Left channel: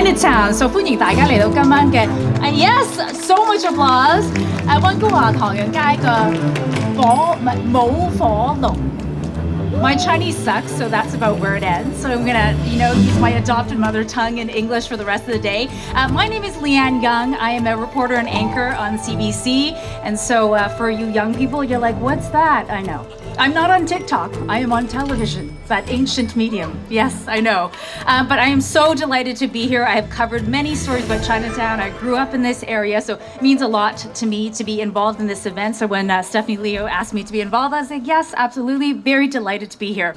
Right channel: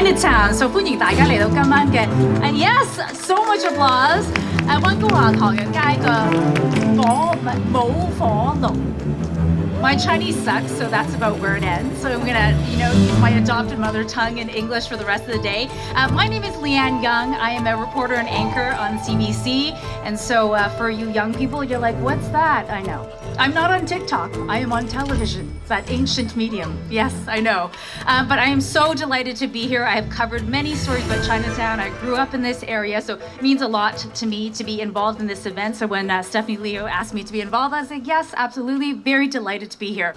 Chinatown， so 歡迎大家嚟到今晚嘅yes so much applause 溫哥華唐人街嘅舞火龍。My Chinese sucks, so that's about where it ends. So I'm gonna, use my adopted mother tongue in English for the rest of the day. My name is Leanne Young. I am a reporter and anchor on CBC. And so for you young people, you're like, what's that? I know. I'm not on TikTok. I am on television, that ancient medium. Yes, I know. But I am so delighted to be here. I have covered many stories about Chinatown. I grew up in this area, so it means a lot to me to be involved in this event. So when Stephanie Leo asked me to be involved, I was like, yes, absolutely. Very delighted to be here.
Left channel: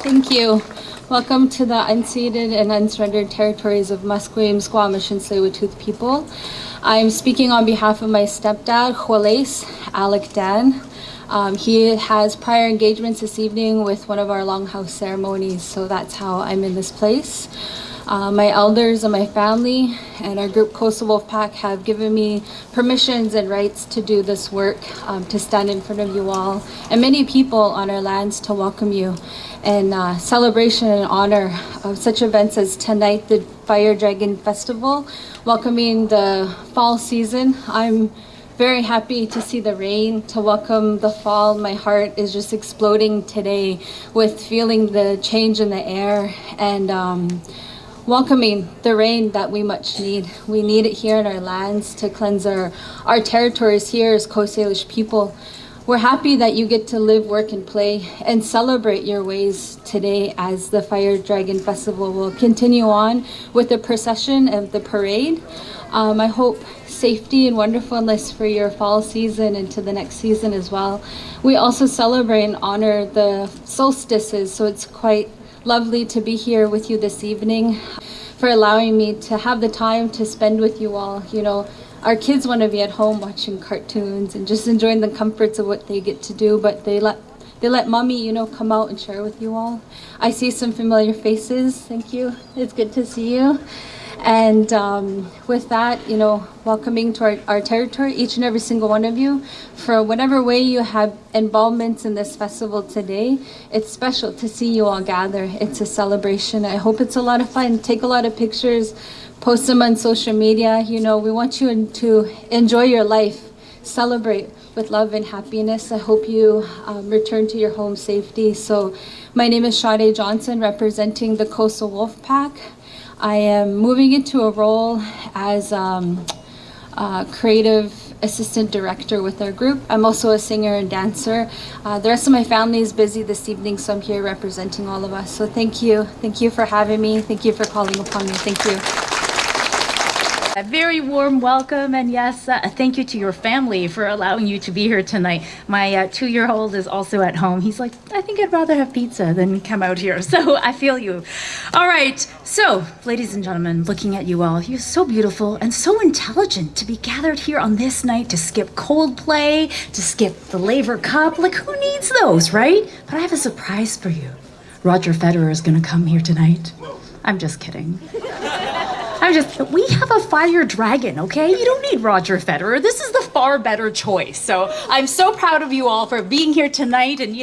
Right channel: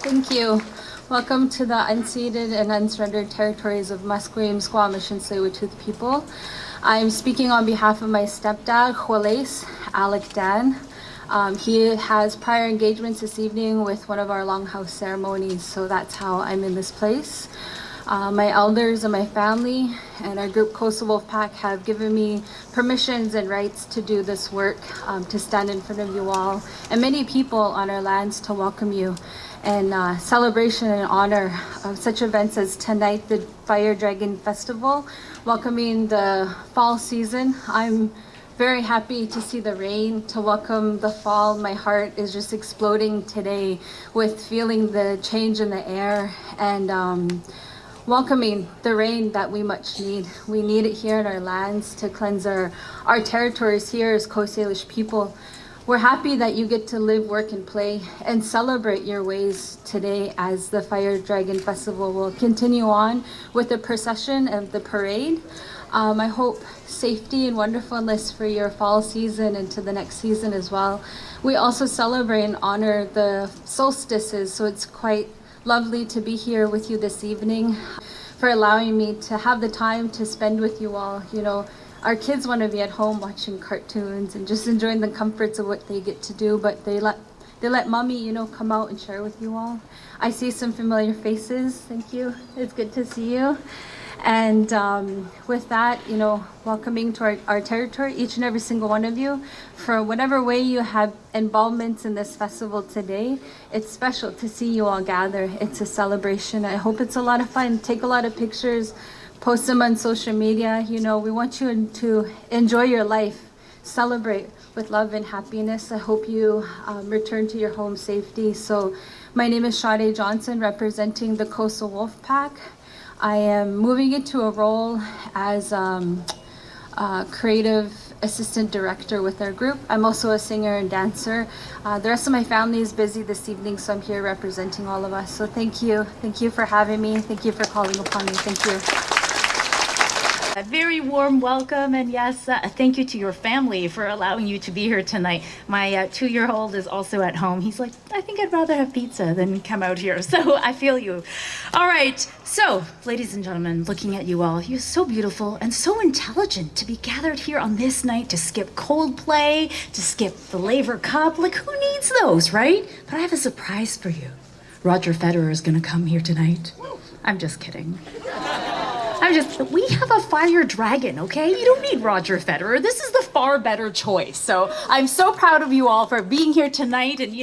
Thank you. Welcome to the unceded and unsurrendered territories of Musqueam, Squamish, and Tsleil-Waututh people. I'm speaking on behalf of my stepdad, Juarez Alec Dan. He has prior engagements this evening with one of our longhouse ceremonies, so that's how I'm in this place. My elders and my family and our group Coastal Wolf Pack have given me permissions and rights to do this work, to stand in front of you all and many people on our lands to welcome you in celebration and honor of such events as tonight, the Fire Dragon Festival, welcoming the fall season. I'm very happy to see the rain, to welcome the fall. My heart is just exploding today with feeling the change in the air and welcoming the rain that we much need. We need it here in our lands to cleanse our territories here as Coast Salish people. We're happy that you get to live, work, and play and celebrate your ways today as the Fire Dragon Festival will continue on with the procession and the parade. I hope safety and wonderfulness for your fall season and to the next season as well. We also celebrate and honor the solstices, so it's quite lovely to be here with you this evening, for allowing me to have the time to spend with you all. Our kids want to be at home watching cartoons and just enjoying the comforts of what they get to do, but they let mommy, come out and share with you all. I see some familiar faces. Thank you. It's good to see you. And with that, welcoming to our territory, each and every single one of you, for whatever way you have involvements in this festival today. It's special to see you all gather. It's a celebration. I hope it's a lot of fun. Take a lot of pictures, post them on social media. We want you to enjoy your life, celebrate with love and happiness. I hope you return to your home safety. So my name is Sade Johnson, representing the Coastal Wolf Pack. I am moving into a role as creative assistant director with our group. I'm also a singer and dancer. The rest of my family is busy this evening, so I'm here representing all of us. So thank you. Thank you for having me. Thank you for calling upon me. Thank you. A very warm welcome, and yes, thank you to your family for allowing you to be here tonight. My 2-year-old is also at home. He's like, I think I'd rather have pizza than come out here. So I feel you. All right. So, ladies and gentlemen, looking at you all, you're so beautiful and so intelligent to be gathered here on this night to skip Coldplay, to skip the Laver Cup. Like, who needs those, right? But I have a surprise for you. Roger Federer is going to come here tonight. I'm just kidding. We have a fire dragon, okay? You don't need Roger Federer. This is the far better choice. So I'm so proud of you all for being here tonight. And,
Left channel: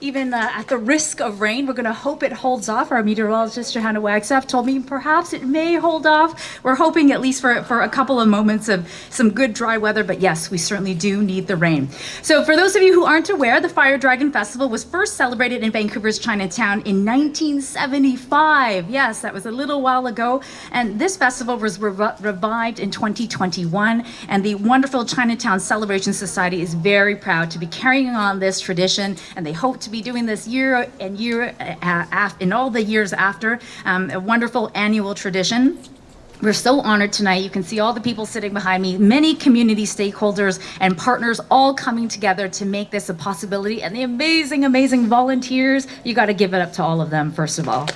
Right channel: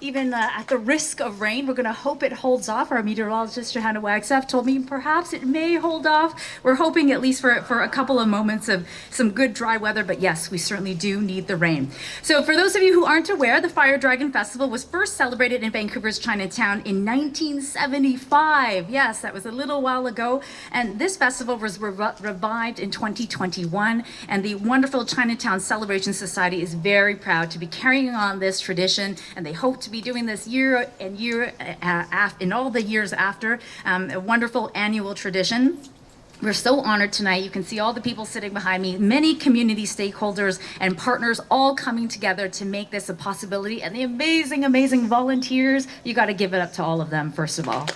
even at the risk of rain, we're going to hope it holds off. Our meteorologist, Johanna Wagstaff, told me perhaps it may hold off. We're hoping at least for a couple of moments of some good dry weather. But yes, we certainly do need the rain. So for those of you who aren't aware, the Fire Dragon Festival was first celebrated in Vancouver's Chinatown in 1975. Yes, that was a little while ago. And this festival was revived in 2021, and the wonderful Chinatown Celebration Society is very proud to be carrying on this tradition, and they hope to be doing this year in all the years after, a wonderful annual tradition. We're so honored tonight. You can see all the people sitting behind me, many community stakeholders and partners all coming together to make this a possibility, and the amazing, amazing volunteers. You got to give it up to all of them, first of all.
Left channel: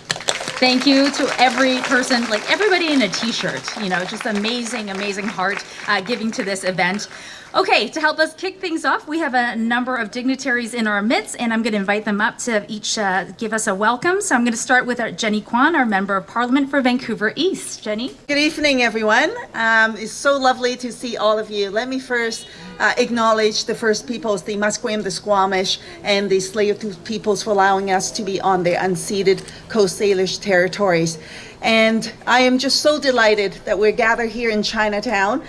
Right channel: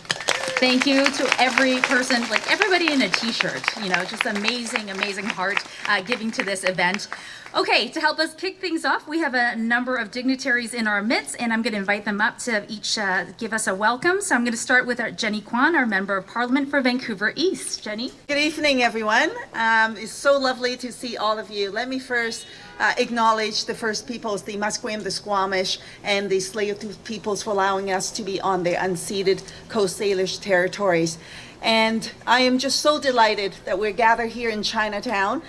Thank you to every person, like everybody in a t-shirt, just amazing, amazing heart giving to this event. Okay, to help us kick things off, we have a number of dignitaries in our midst, and I'm going to invite them up to each give us a welcome. So I'm going to start with our Jenny Kwan, our Member of Parliament for Vancouver East. Jenny? Good evening, everyone. It's so lovely to see all of you. Let me first acknowledge the First Peoples, the Musqueam, the Squamish, and the Tsleil-Waututh peoples for allowing us to be on their unceded Coast Salish territories. And I am just so delighted that we're gathered here in Chinatown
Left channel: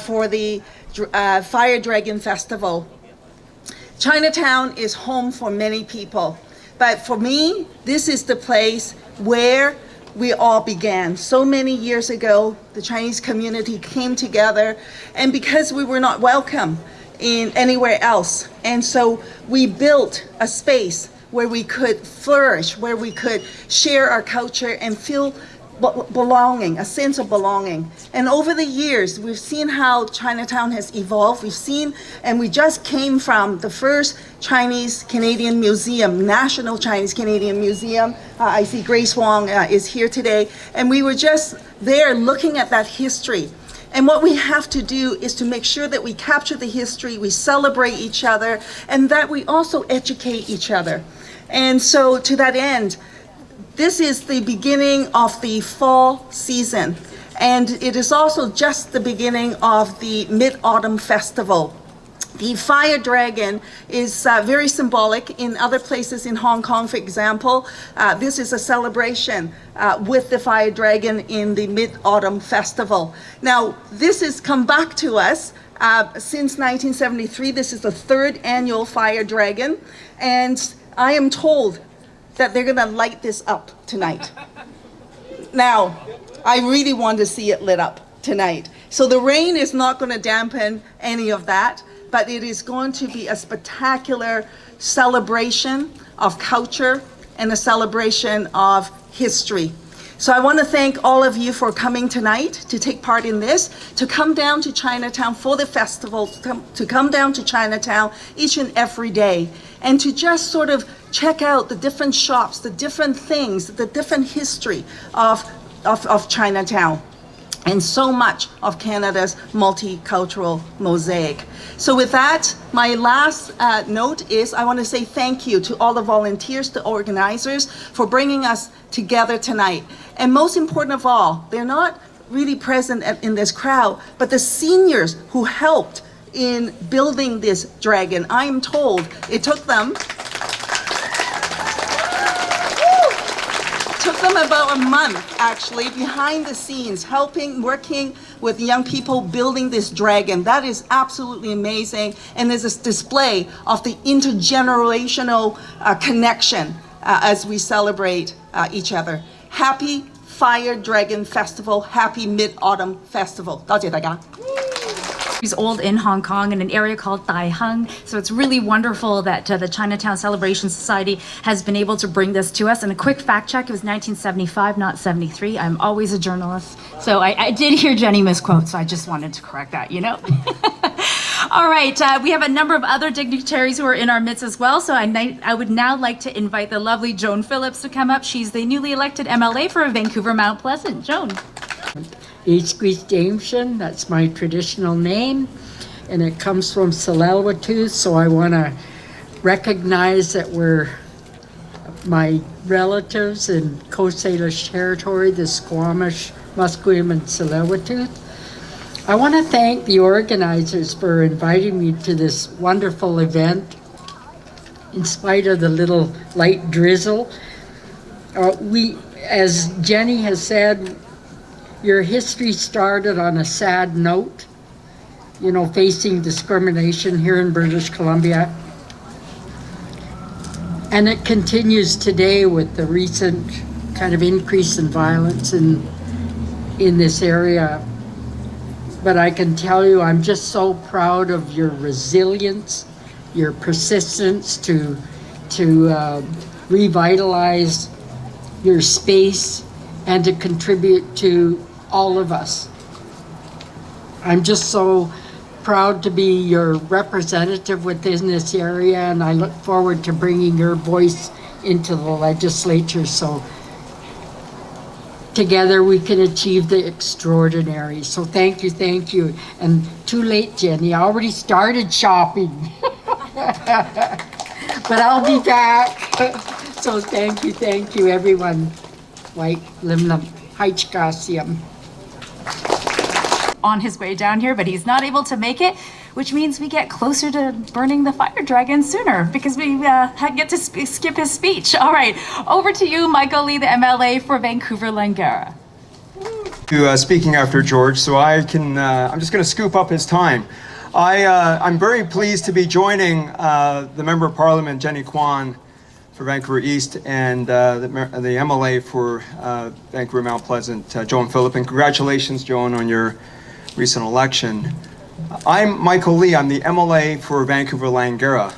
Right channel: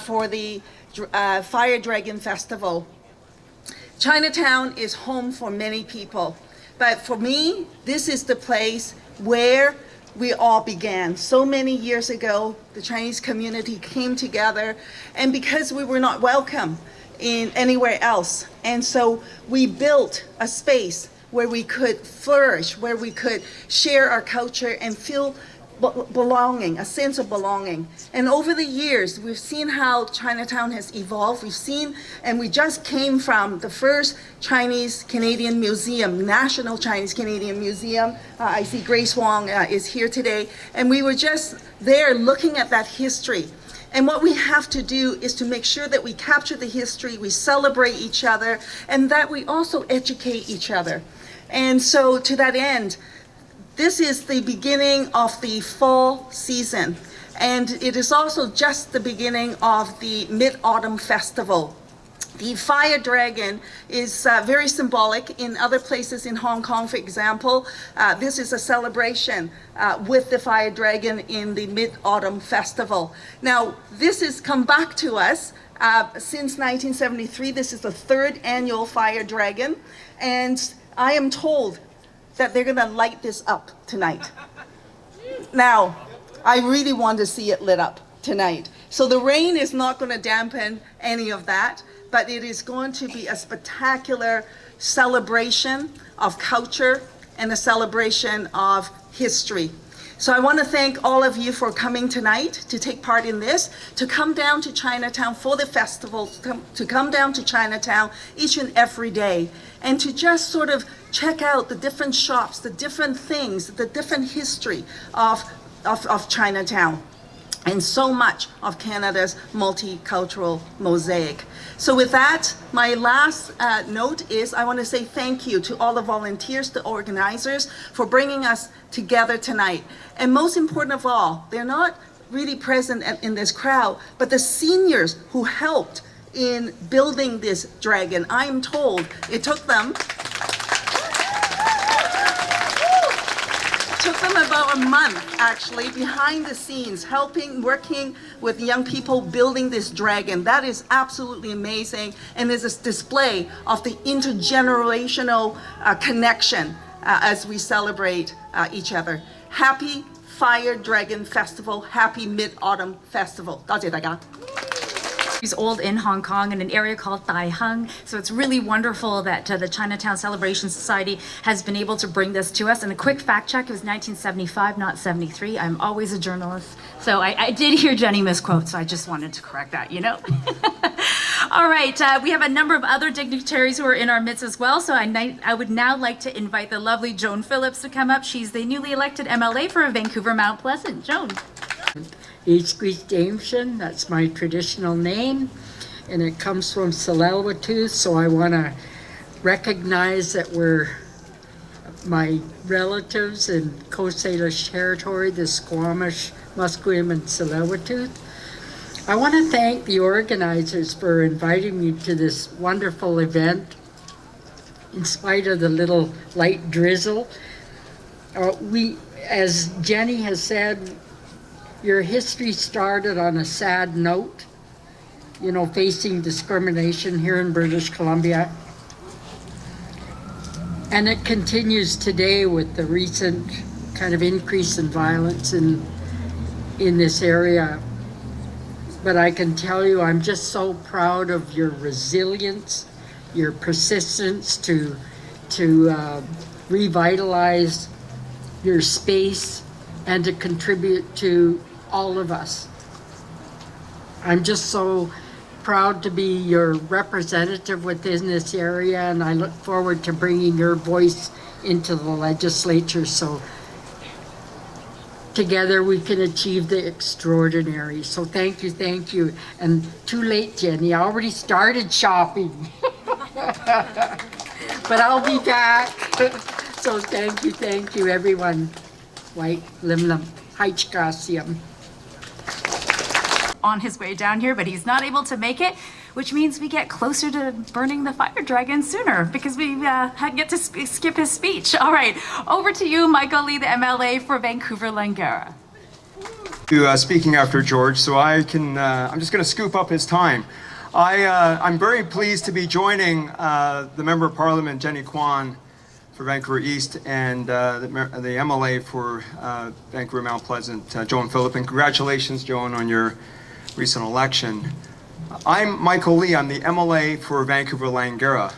for the Fire Dragon Festival. Chinatown is home for many people, but for me, this is the place where we all began. So many years ago, the Chinese community came together, and because we were not welcome in anywhere else, and so we built a space where we could flourish, where we could share our culture and feel belonging, a sense of belonging. And over the years, we've seen how Chinatown has evolved. We've seen, and we just came from the first Chinese Canadian Museum, National Chinese Canadian Museum. I see Grace Wong is here today. And we were just there looking at that history. And what we have to do is to make sure that we capture the history, we celebrate each other, and that we also educate each other. And so to that end, this is the beginning of the fall season, and it is also just the beginning of the Mid-Autumn Festival. The Fire Dragon is very symbolic. In other places in Hong Kong, for example, this is a celebration with the Fire Dragon in the Mid-Autumn Festival. Now, this has come back to us since 1973. This is the third annual Fire Dragon, and I am told that they're gonna light this up tonight. Now, I really want to see it lit up tonight. So the rain is not gonna dampen any of that, but it is going to be a spectacular celebration of culture and a celebration of history. So I want to thank all of you for coming tonight to take part in this, to come down to Chinatown for the festival, to come down to Chinatown each and every day, and to just sort of check out the different shops, the different things, the different history of Chinatown, and so much of Canada's multicultural mosaic. So with that, my last note is I want to say thank you to all the volunteers, the organizers, for bringing us together tonight. And most important of all, they're not really present in this crowd, but the seniors who helped in building this dragon. I am told it took them about a month, actually, behind the scenes, working with young people building this dragon. That is absolutely amazing, and is a display of the intergenerational connection as we celebrate each other. Happy Fire Dragon Festival, happy Mid-Autumn Festival. 多謝大家。He's old in Hong Kong in an area called Tai Hung. So it's really wonderful that the Chinatown Celebration Society has been able to bring this to us. And a quick fact check, it was 1975, not 73. I'm always a journalist. So I did hear Jenny misquote, so I just wanted to correct that, All right, we have a number of other dignitaries who are in our midst as well. So I would now like to invite the lovely Joan Phillips to come up. She's the newly elected MLA for Vancouver Mount Pleasant. Joan. Jameson, that's my traditional name, and it comes from Tsleil-Waututh, so I want to recognize that we're my relatives in Coast Salish territory, the Squamish, Musqueam, and Tsleil-Waututh. I want to thank the organizers for inviting me to this wonderful event. In spite of the little light drizzle, as Jenny has said, your history started on a sad note, facing discrimination here in British Columbia. And it continues today with the recent kind of increase in violence in this area. But I can tell you, I'm just so proud of your resilience, your persistence to revitalize your space and to contribute to all of us. I'm just so proud to be your representative within this area, and I look forward to bringing your voice into the legislature so together we can achieve the extraordinary. So thank you. And too late, Jenny, I already started shopping. But I'll be back. So thank you, everyone. White Limnum Haichkasium. On his way down here, but he's not able to make it, which means we get closer to burning the fire dragon sooner because we get to skip his speech. All right, over to you, Michael Lee, the MLA for Vancouver-Langara. Speaking after George, so I'm just going to scoop up his time. I'm very pleased to be joining the Member of Parliament, Jenny Kwan, for Vancouver East, and the MLA for Vancouver Mount Pleasant, Joan Phillip. And congratulations, Joan, on your recent election. I'm Michael Lee. I'm the MLA for Vancouver-Langara,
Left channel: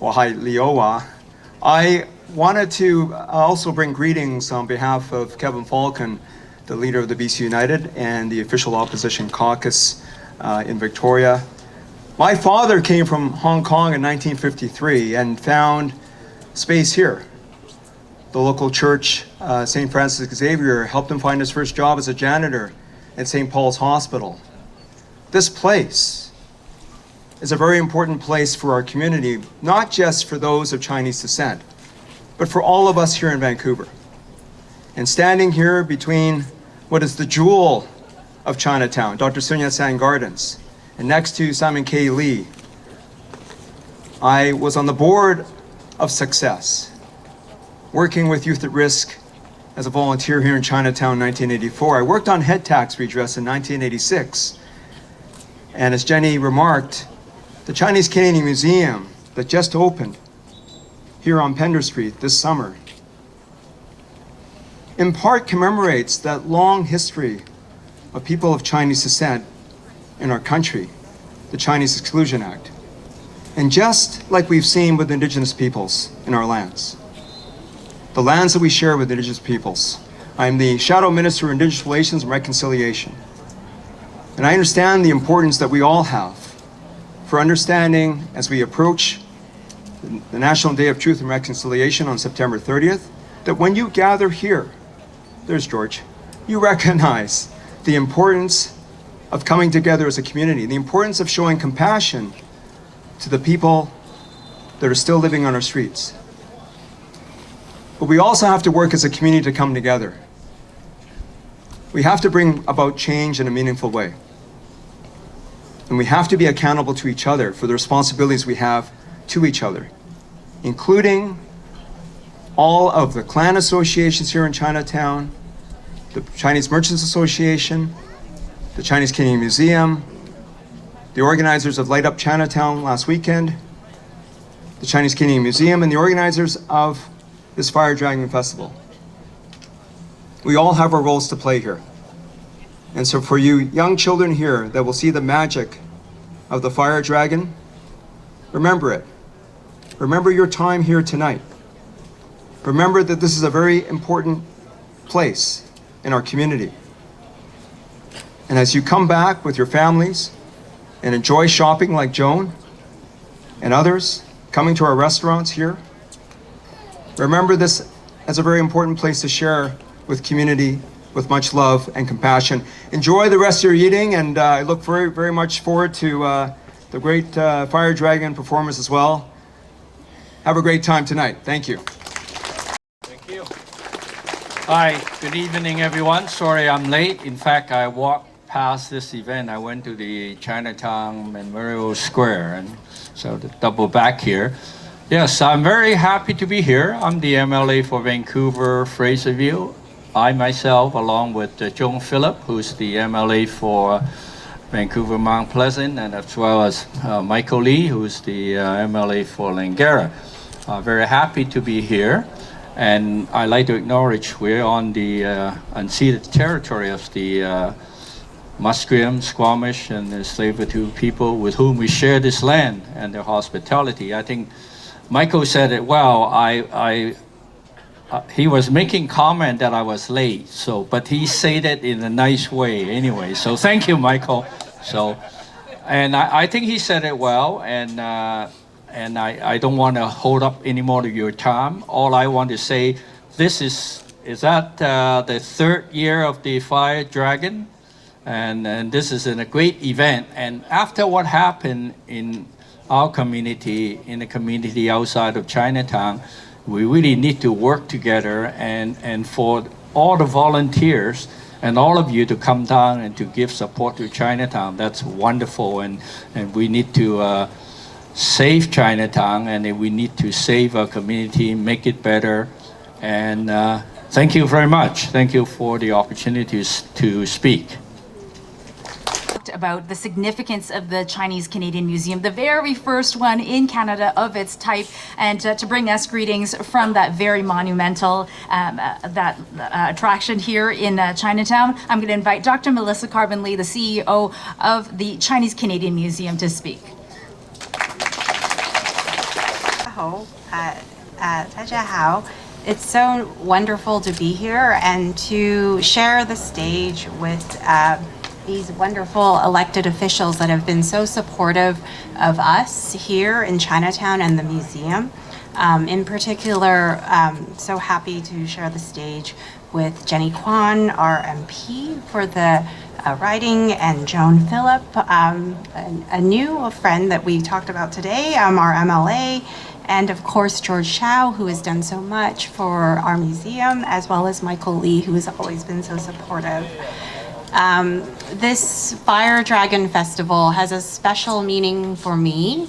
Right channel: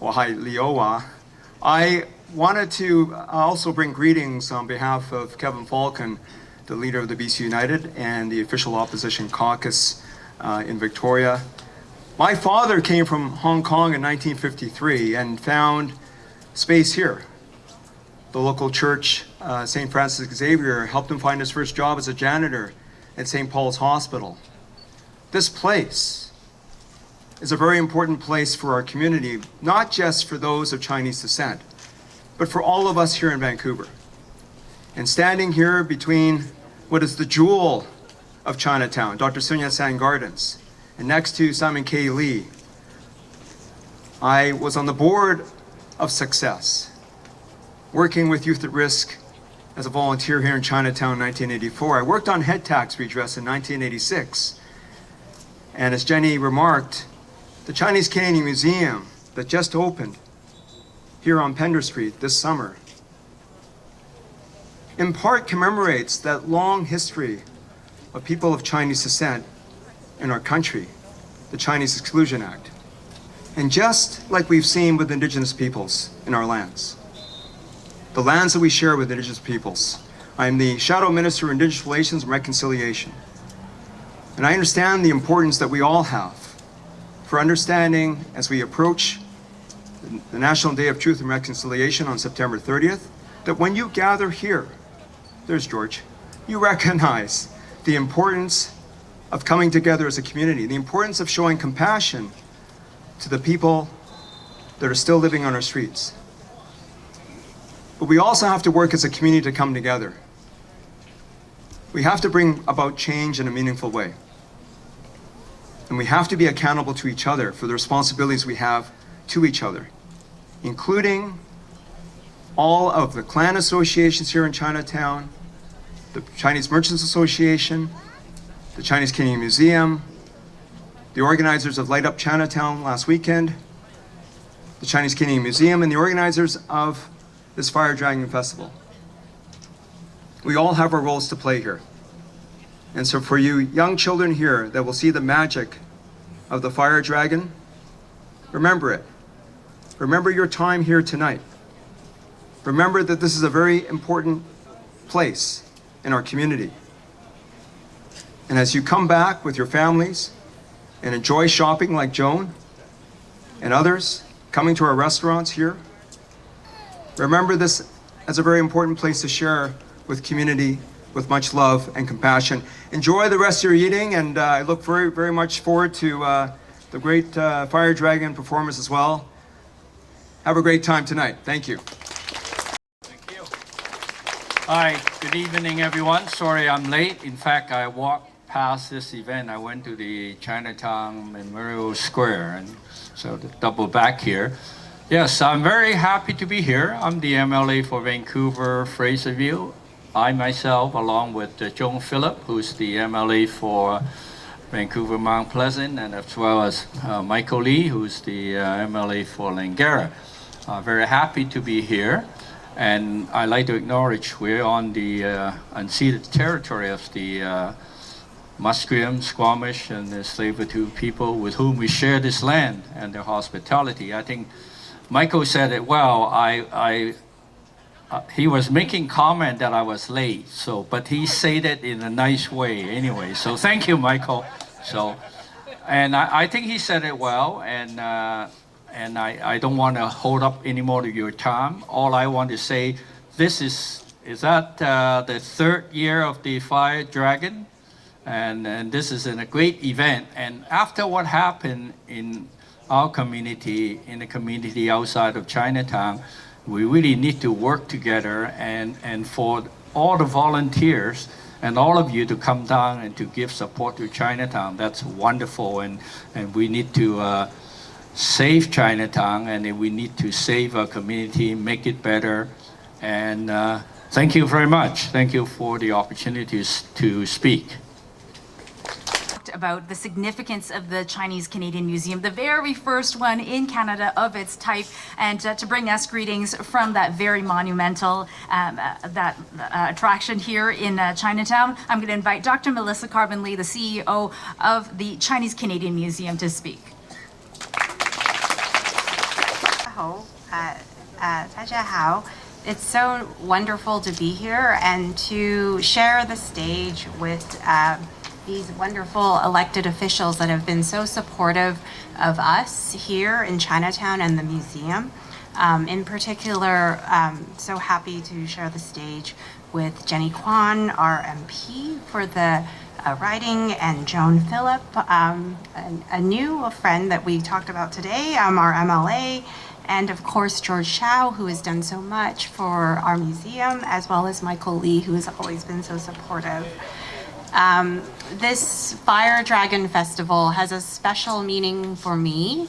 Wahai Liowa. I wanted to also bring greetings on behalf of Kevin Falcon, the leader of the BC United and the official opposition caucus in Victoria. My father came from Hong Kong in 1953 and found space here. The local church, St. Francis Xavier, helped him find his first job as a janitor at St. Paul's Hospital. This place is a very important place for our community, not just for those of Chinese descent, but for all of us here in Vancouver. And standing here between what is the jewel of Chinatown, Dr. Sun Yat-sen Gardens, and next to Simon K. Lee, I was on the board of Success, working with Youth at Risk as a volunteer here in Chinatown in 1984. I worked on head tax redress in 1986. And as Jenny remarked, the Chinese Canadian Museum that just opened here on Pender Street this summer in part commemorates that long history of people of Chinese descent in our country, the Chinese Exclusion Act. And just like we've seen with Indigenous peoples in our lands, the lands that we share with Indigenous peoples. I'm the Shadow Minister of Indigenous Relations and Reconciliation. And I understand the importance that we all have for understanding as we approach the National Day of Truth and Reconciliation on September 30th, that when you gather here, there's George, you recognize the importance of coming together as a community, the importance of showing compassion to the people that are still living on our streets. But we also have to work as a community to come together. We have to bring about change in a meaningful way. And we have to be accountable to each other for the responsibilities we have to each other, including all of the clan associations here in Chinatown, the Chinese Merchants Association, the Chinese Canadian Museum, the organizers of Light Up Chinatown last weekend, the Chinese Canadian Museum, and the organizers of this Fire Dragon Festival. We all have our roles to play here. And so for you young children here that will see the magic of the Fire Dragon, remember it. Remember your time here tonight. Remember that this is a very important place in our community. And as you come back with your families and enjoy shopping like Joan and others coming to our restaurants here, remember this as a very important place to share with community with much love and compassion. Enjoy the rest of your eating, and I look very, very much forward to the great Fire Dragon performance as well. Have a great time tonight. Thank you. Thank you. Hi, good evening, everyone. Sorry I'm late. In fact, I walked past this event. I went to the Chinatown Memorial Square, and so to double back here. Yes, I'm very happy to be here. I'm the MLA for Vancouver Fraserville. I myself, along with Joan Phillip, who's the MLA for Vancouver Mount Pleasant, and as well as Michael Lee, who's the MLA for Langara. Very happy to be here. And I'd like to acknowledge we're on the unceded territory of the Musqueam, Squamish, and the Tsleil-Waututh people with whom we share this land and their hospitality. I think Michael said it well. I he was making comment that I was late. So, but he said it in a nice way anyway. So thank you, Michael. So, and I think he said it well. And I don't want to hold up any more of your time. All I want to say, this is that the third year of the Fire Dragon, and this is a great event. And after what happened in our community, in the community outside of Chinatown, we really need to work together, and for all the volunteers and all of you to come down and to give support to Chinatown. That's wonderful, and we need to save Chinatown, and we need to save our community, make it better. And thank you very much. Thank you for the opportunities to speak. About the significance of the Chinese Canadian Museum, the very first one in Canada of its type, and to bring us greetings from that very monumental attraction here in Chinatown. I'm going to invite Dr. Melissa Carbon-Lee, the CEO of the Chinese Canadian Museum, to speak. 大家好. It's so wonderful to be here and to share the stage with these wonderful elected officials that have been so supportive of us here in Chinatown and the museum. In particular, so happy to share the stage with Jenny Kwan, our MP for the riding, and Joan Phillip, a new friend that we talked about today, our MLA, and of course George Chow, who has done so much for our museum, as well as Michael Lee, who has always been so supportive. This Fire Dragon Festival has a special meaning for me,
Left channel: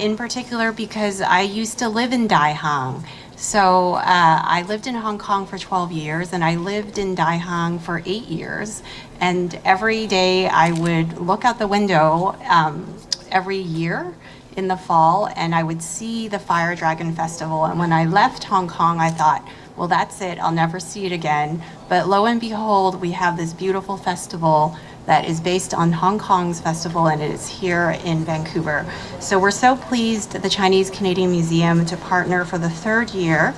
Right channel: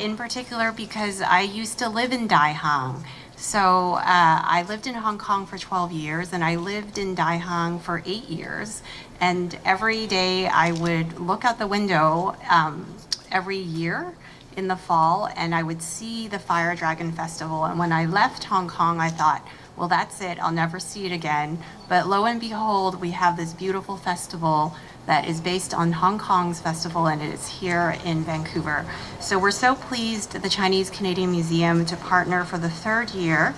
in particular because I used to live in Daihang. So I lived in Hong Kong for 12 years, and I lived in Daihang for 8 years. And every day I would look out the window every year in the fall, and I would see the Fire Dragon Festival. And when I left Hong Kong, I thought, well, that's it, I'll never see it again. But lo and behold, we have this beautiful festival that is based on Hong Kong's festival, and it is here in Vancouver. So we're so pleased at the Chinese Canadian Museum to partner for the third year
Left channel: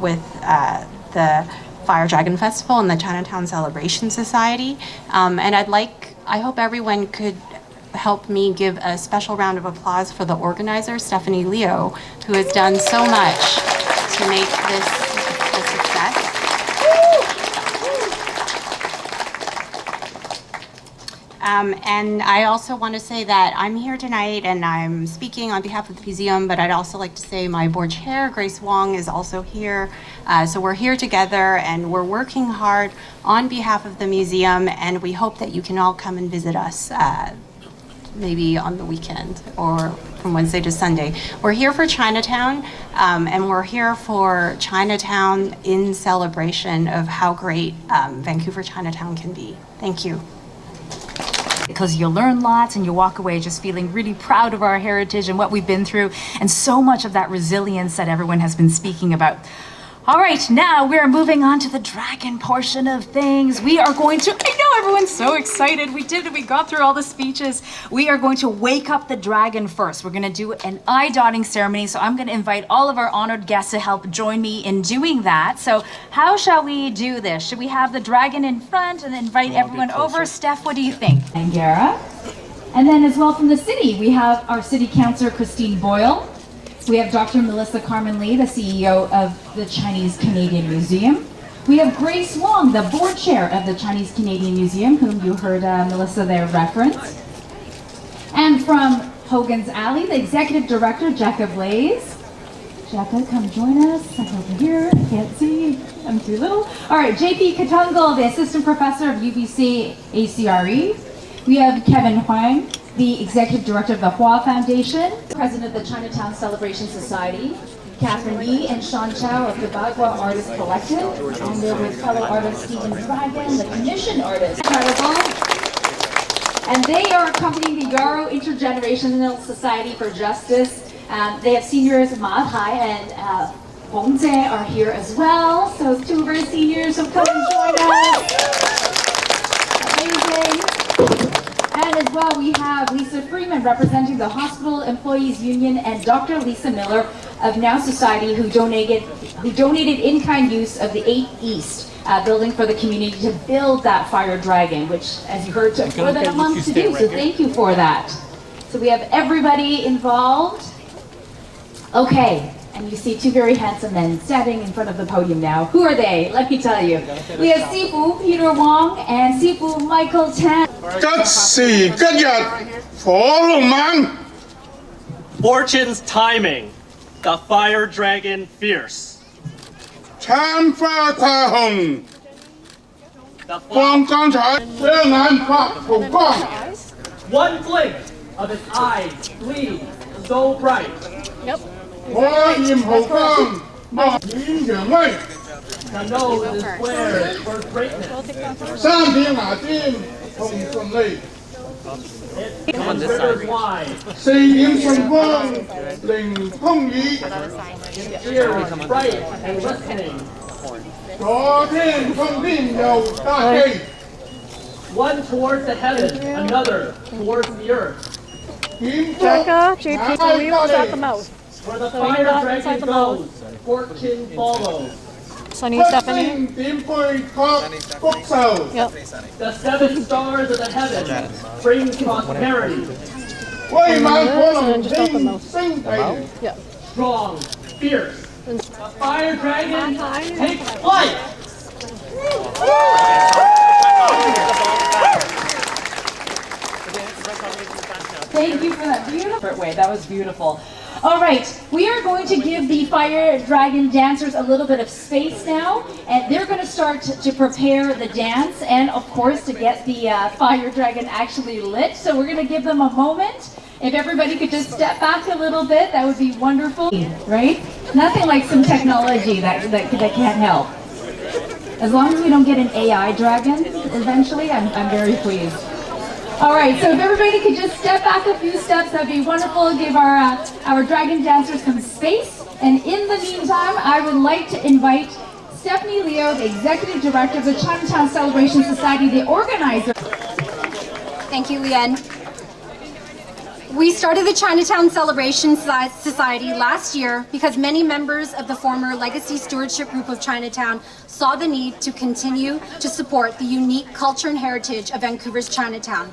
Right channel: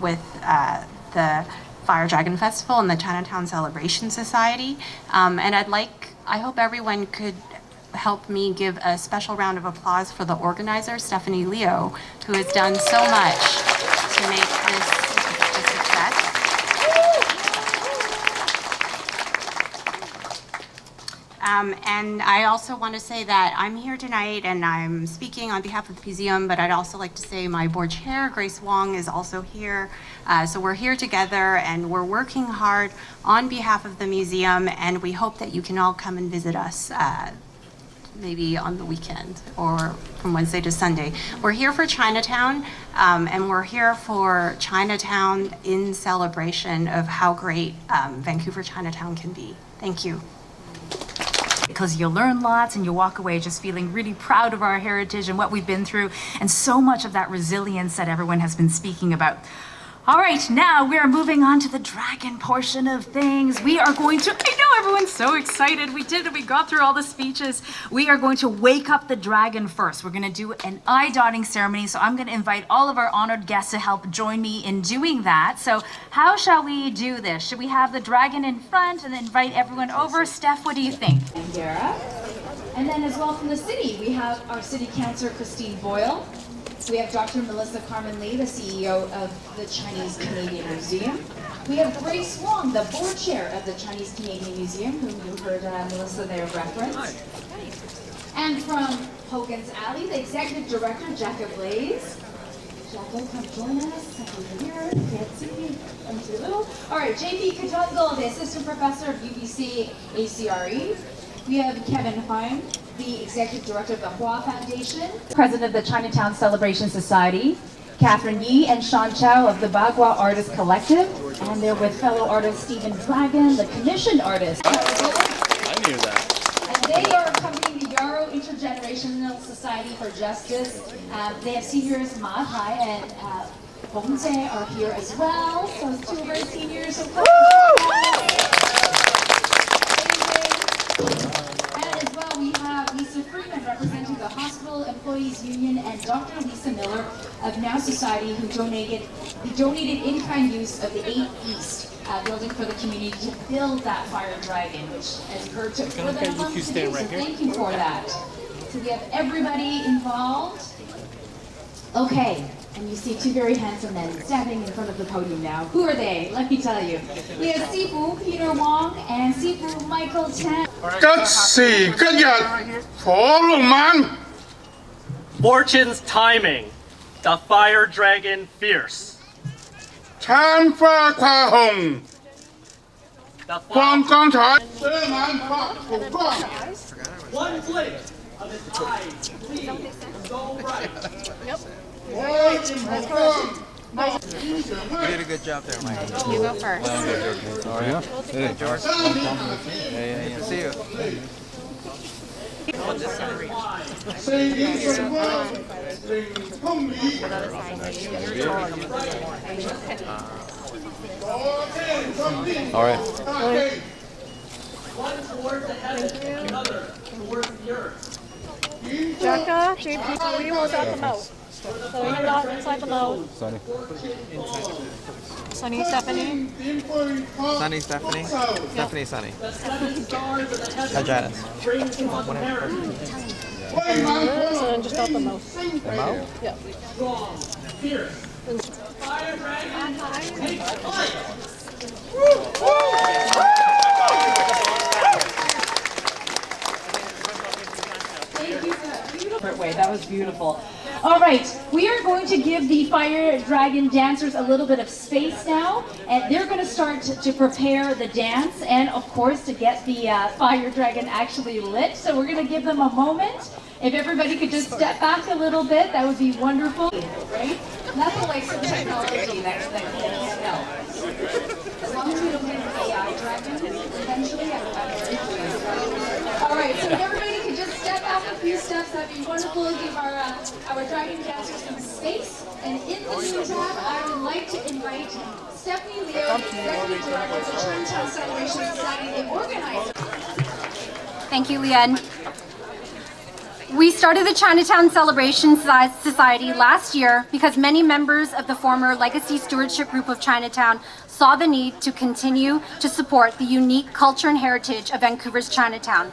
with the Fire Dragon Festival and the Chinatown Celebration Society. And I hope everyone could help me give a special round of applause for the organizer, Stephanie Leo, who has done so much to make this a success. And I also want to say that I'm here tonight and I'm speaking on behalf of the museum, but I'd also like to say my board chair, Grace Wong, is also here. So we're here together and we're working hard on behalf of the museum, and we hope that you can all come and visit us maybe on the weekend or from Wednesday to Sunday. We're here for Chinatown, and we're here for Chinatown in celebration of how great Vancouver Chinatown can be. Thank you. Because you learn lots and you walk away just feeling really proud of our heritage and what we've been through, and so much of that resilience that everyone has been speaking about. All right, now we are moving on to the dragon portion of things. We are going to, I know everyone's so excited. We got through all the speeches. We are going to wake up the dragon first. We're going to do an eye-dotting ceremony. So I'm going to invite all of our honored guests to help join me in doing that. So how shall we do this? Should we have the dragon in front and invite everyone over? Steph, what do you think? Angara. And then as well from the city, we have our city councillor, Christine Boyle. We have Dr. Melissa Carbon-Lee, the CEO of the Chinese Canadian Museum. We have Grace Wong, the board chair of the Chinese Canadian Museum, whom you heard Melissa there reference. And from Hogan's Alley, the executive director, Jekka Blaze. Jekka, come join us. I'm over here. I can't see. I'm too little. All right, JP Katungal, the assistant professor of UBC ACRE. We have Kevin Huang, the Executive Director of the Hua Foundation, President of the Chinatown Celebration Society, Catherine Yi and Sean Chow of the Bagua Artist Collective, and they're with fellow artist Stephen Dragon, the commissioned artist. Incredible. And they are accompanying the Yarrow Intergenerational Society for Justice. They have seniors, Ma Hai and Hong Zhe are here as well. So two of our seniors, so come and join us. Amazing. And as as well, we have Lisa Freeman representing the Hospital Employees Union and Dr. Lisa Miller of Now Society who donated in-kind use of the 8 East building for the community to build that fire dragon, which, as you heard, took more than a month to do, so thank you for that. So we have everybody involved. Okay, and you see two very handsome men standing in front of the podium now. Who are they? Let me tell you. We have Sifu Peter Wong and Sifu Michael Tan. 吉時吉日火龍猛。 Fortune's timing, the fire dragon fierce. 參花跨紅， The 放 flash, 光彩，雙眼發紅光。 one blink of its eyes gleam so bright. 我豔豪光，莫顯揚威。 I know this square for greatness. 三片牙尖，紅順利。 Considers wide, 四點順光，凌風雨。 ears bright and listening. 左聽身邊有大氣。 One towards the heavens, another towards the earth. 點 Jacka, JP, the wheel is at the mouth. For the So he fire got dragon inside the goes, mouth. fortune follows. Sunny Stephanie. 點背確福壽。 Yep. The 7 stars of the heavens bring prosperity. 威猛火 And 龍 then just out the 天 mouth. 星地。 Yep. Strong, fierce. Fire dragon takes flight. Thank you for that beautiful way. That was beautiful. All right, we are going to give the fire dragon dancers a little bit of space now, and they're going to start to prepare the dance and, of course, to get the fire dragon actually lit. So we're going to give them a moment. If everybody could just step back a little bit, that would be wonderful, right? Nothing like some technology that can't help. As long as we don't get an AI dragon eventually, I'm very pleased. All right, so if everybody could just step back a few steps, that'd be wonderful. Give our dragon dancers some space. And in the meantime, I would like to invite Stephanie Leo, the Executive Director of the Chinatown Celebration Society, the organizer. Thank you, Leanne. We started the Chinatown Celebration Society last year because many members of the former Legacy Stewardship Group of Chinatown saw the need to continue to support the unique culture and heritage of Vancouver's Chinatown.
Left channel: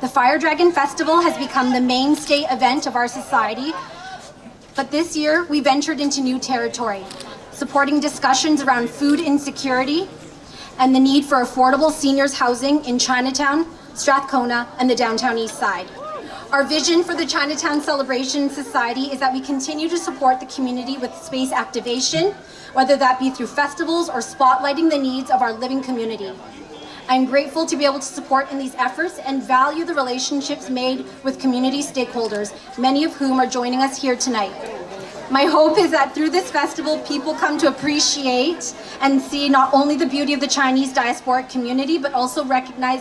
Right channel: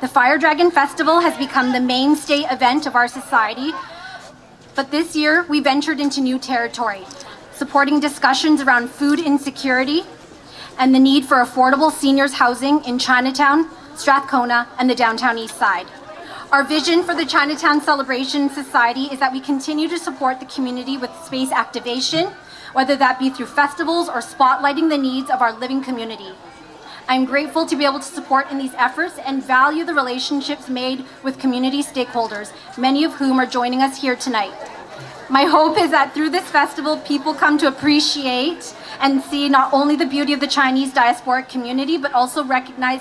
The Fire Dragon Festival has become the mainstay event of our society, but this year we ventured into new territory, supporting discussions around food insecurity and the need for affordable seniors housing in Chinatown, Strathcona, and the downtown east side. Our vision for the Chinatown Celebration Society is that we continue to support the community with space activation, whether that be through festivals or spotlighting the needs of our living community. I'm grateful to be able to support in these efforts and value the relationships made with community stakeholders, many of whom are joining us here tonight. My hope is that through this festival, people come to appreciate and see not only the beauty of the Chinese diasporic community, but also recognize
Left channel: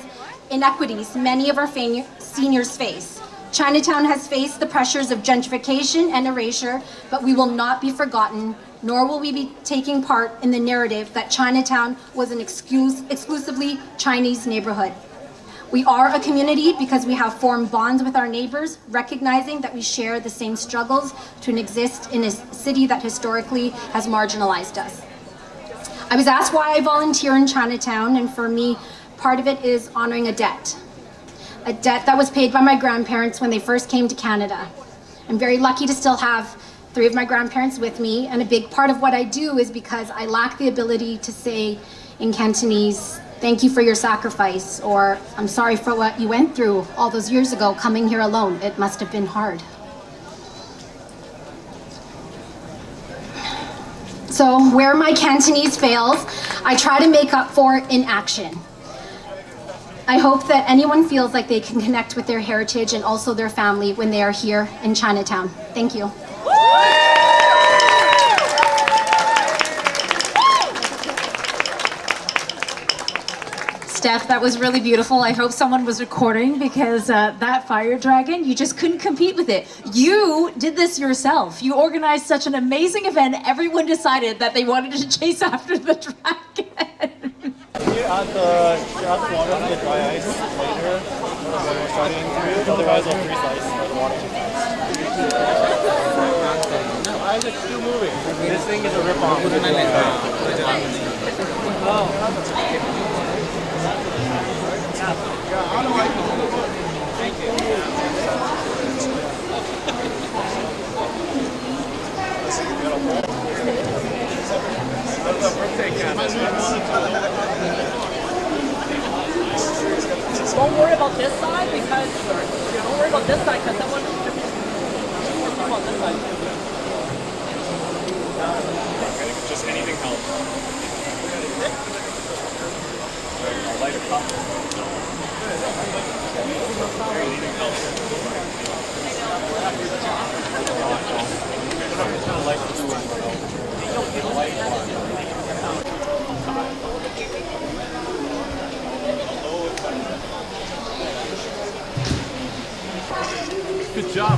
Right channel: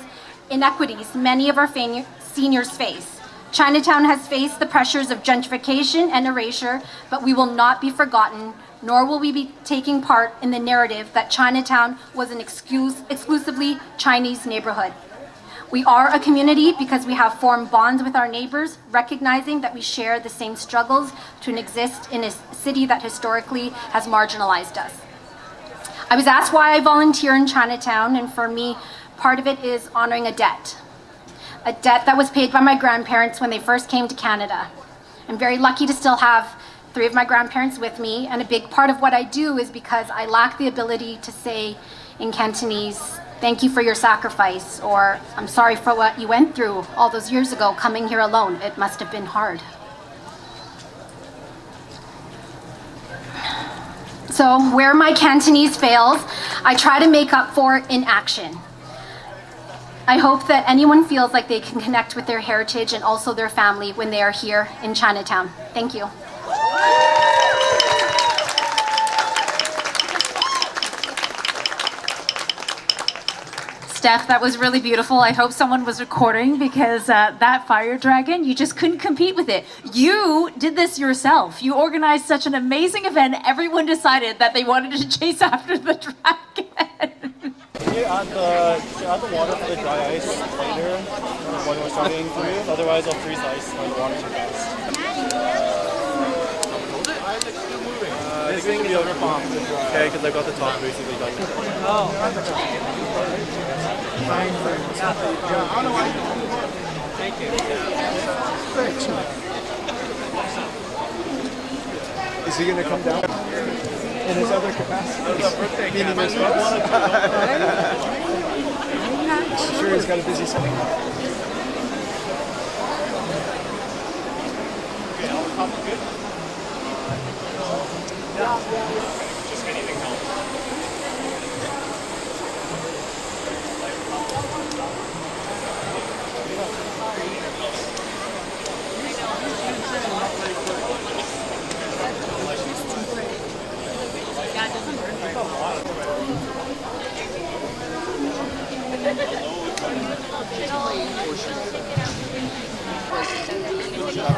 inequities many of our seniors face. Chinatown has faced the pressures of gentrification and erasure, but we will not be forgotten, nor will we be taking part in the narrative that Chinatown was an exclusively Chinese neighborhood. We are a community because we have formed bonds with our neighbors, recognizing that we share the same struggles to exist in a city that historically has marginalized us. I was asked why I volunteer in Chinatown, and for me, part of it is honoring a debt that was paid by my grandparents when they first came to Canada. I'm very lucky to still have 3 of my grandparents with me, and a big part of what I do is because I lack the ability to say in Cantonese, thank you for your sacrifice, or I'm sorry for what you went through all those years ago coming here alone. It must have been hard. So where my Cantonese fails, I try to make up for it in action. I hope that anyone feels like they can connect with their heritage and also their family when they are here in Chinatown. Thank you. Steph, that was really beautiful. I hope someone was recording because that fire dragon, you just couldn't compete with it. You did this yourself. You organized such an amazing event. Everyone decided that they wanted to chase after the dragon. you add the water for the dry ice later when we're starting through? Otherwise, I'll freeze the ice or the water too fast. Isaac's still moving. This thing is a rip-off of the dry ice. Oh. Yeah, I don't like it. Thank you. That's a birthday candle. Don't worry about this side because don't worry about this side because that one. Just anything helps. Light a cup. Anything helps. Good job.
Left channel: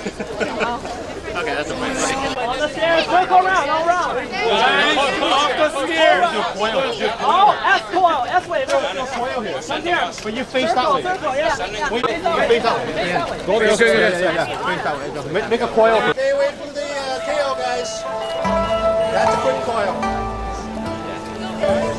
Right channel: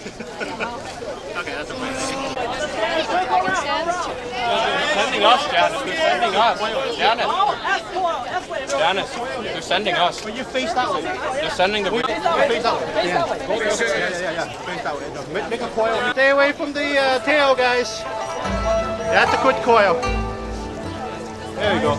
Okay, that's a fine. On the stairs, quick around. Oh, S coil, S way. They're sending us. But you face that way. They're sending the face that way. Face that way. Go face yeah. Face that way. Make a coil. Stay away from the tail, guys. That's a good coil. There you go.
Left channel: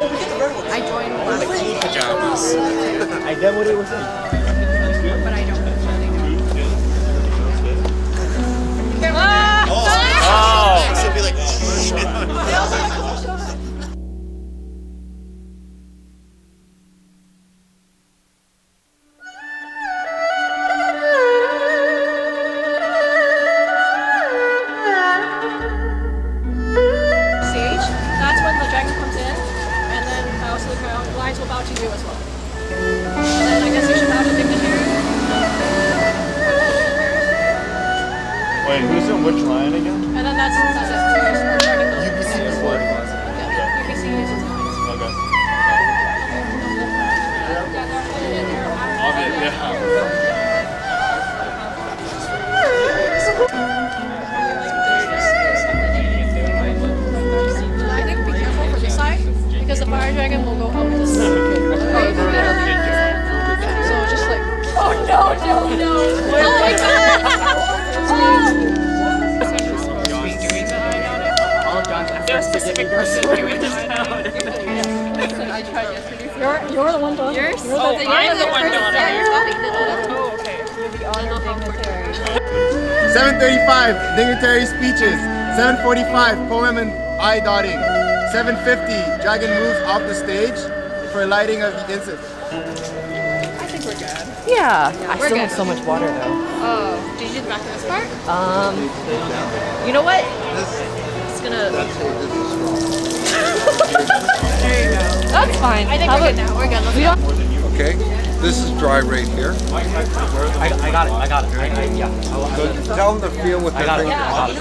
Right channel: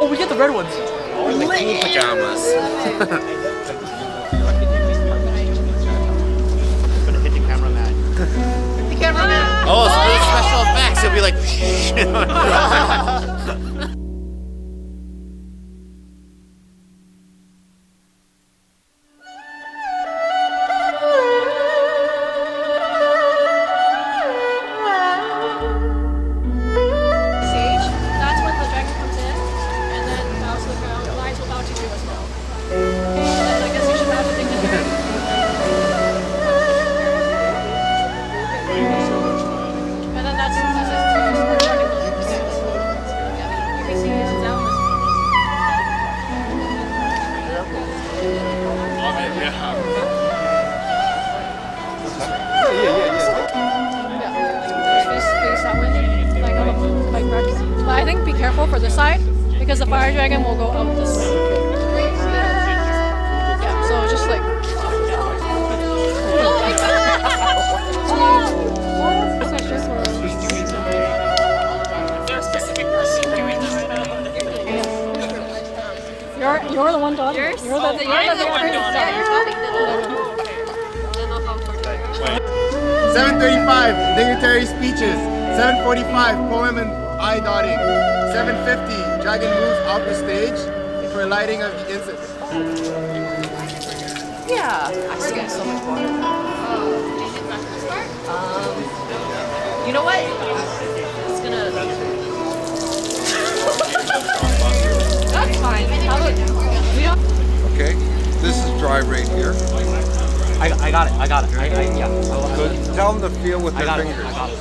Oh, we get the red ones. Oh, the cool pajamas. I demoed Oh, special effects. You'll be like, Sage, that's when the dragon comes in, and then bows to the ground. Lions will bow to you as well. that's it. We're starting those. Yeah, you're mixing this now. I think be careful for this side because the fire dragon will go out this side. Yeah, so just like. Oh no! Oh my god! Is there a specific person doing that right now? You're the one done. You're the one done. Yeah, you're the one. Okay. I don't know how important. 7:35 dignitary speeches. 7:45 poem and eye dotting. 7:50 dragon moves off the stage for lighting of the incense. I think we're good. Yeah. I still have so much water though. Oh, did you do the back of this part? You know what? It's gonna. That's fine. I think we're good now. We're good. We don't. Okay, this is dry right here. I got it. Yeah. So tell them to feel with their fingers. I got it.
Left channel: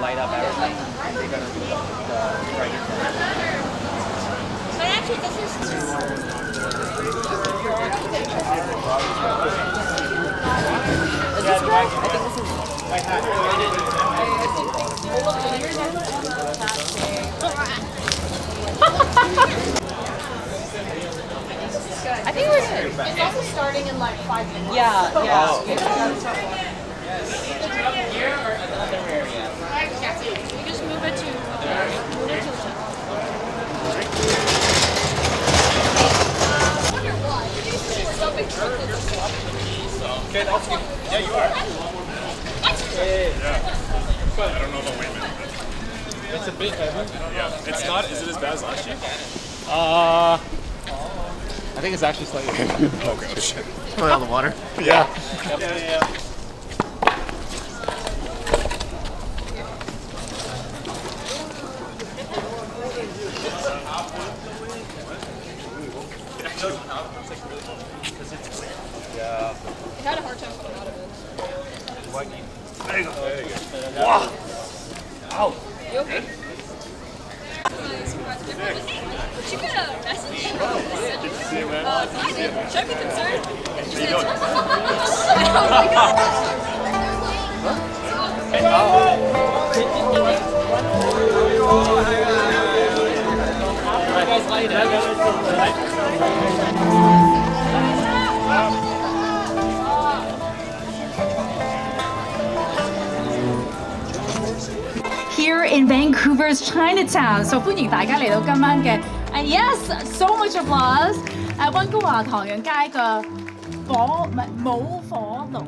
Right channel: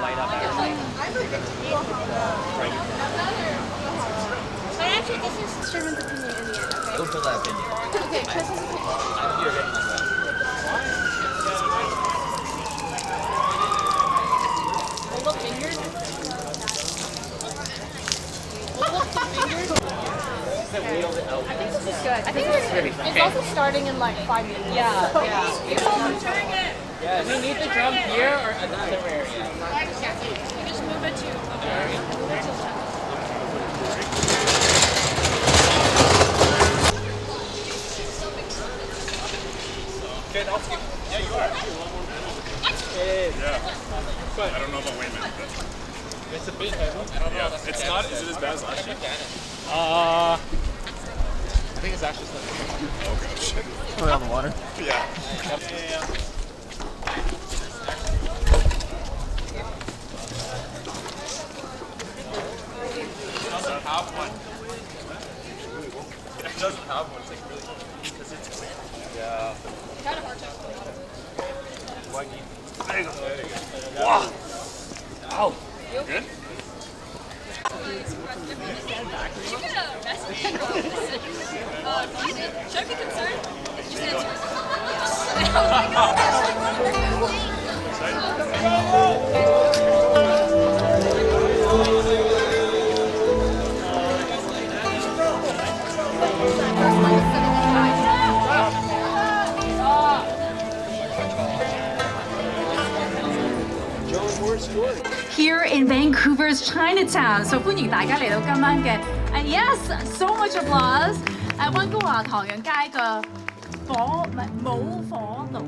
Light up everything. They're gonna drag it down. But actually, this is. I think we're good. It's also starting in like 5 minutes. Yeah. We need the drum here or another area? You just move it to move it to the top. Okay, that's good. Yeah, you are. Yeah. I don't know about weight management. It's a bit heavy. Yeah. It's not. Is it as bad as last year? I think it's actually slightly heavy. Oh god, shit. Probably on the water. Yeah. It doesn't have one. It's like really because it's clear. Yeah. I had a hard time coming out of it. There you go. There you go. Wow. Ow. You okay? Did you get a message from the center? Should I be concerned? Just answer. Oh my god. Here in Vancouver's Chinatown. So 歡迎大家嚟到今晚嘅 and yes, so much applause 溫哥華唐人街嘅舞火爐。